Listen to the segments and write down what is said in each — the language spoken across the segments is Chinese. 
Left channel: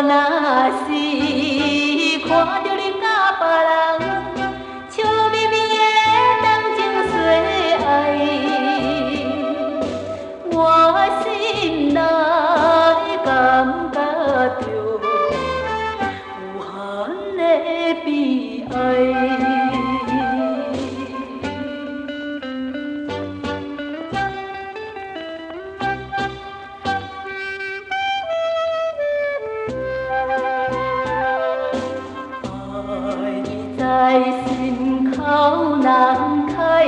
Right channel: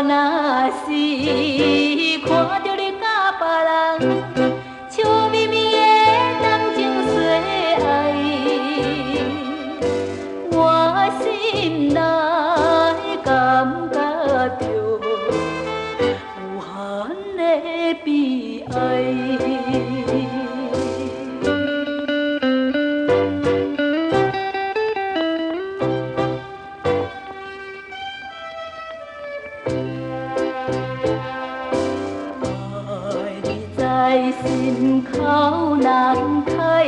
我若是看着你甲别人笑眯眯的谈情说爱，我心内感觉着无限的悲哀。在心口难开，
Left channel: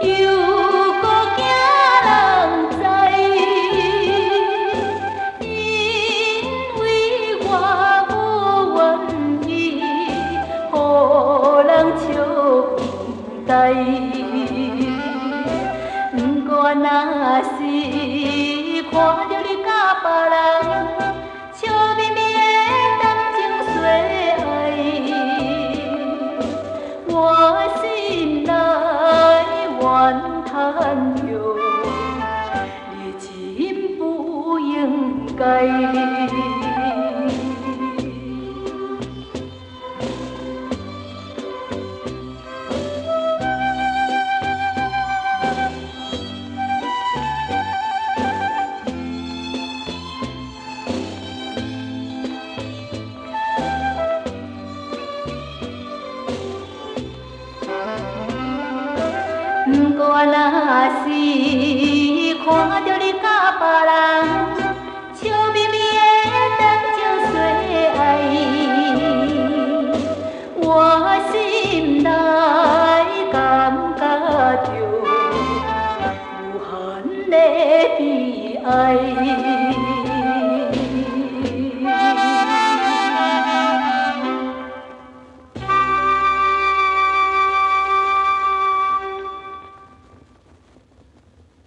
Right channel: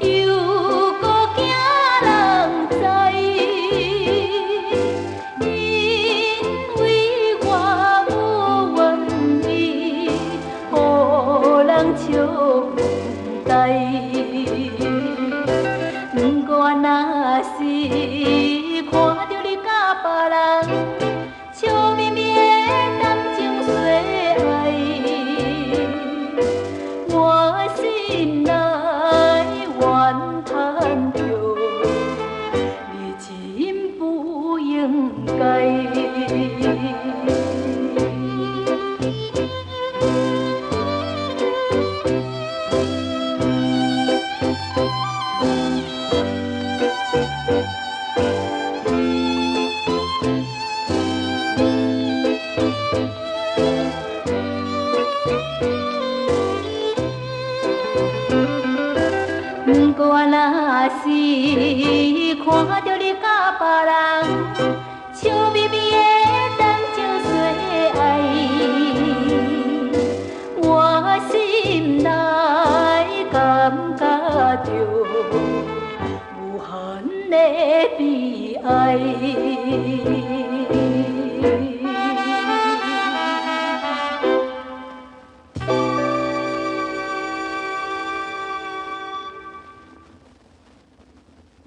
又搁惊人知，因为我无愿意，予人笑问代。不过若是看着你甲别人笑眯眯的谈情说爱，我心内怨叹着，你真不应该。不过若是看着你甲别人笑眯眯的谈情说爱，我心内感觉着无限的悲哀。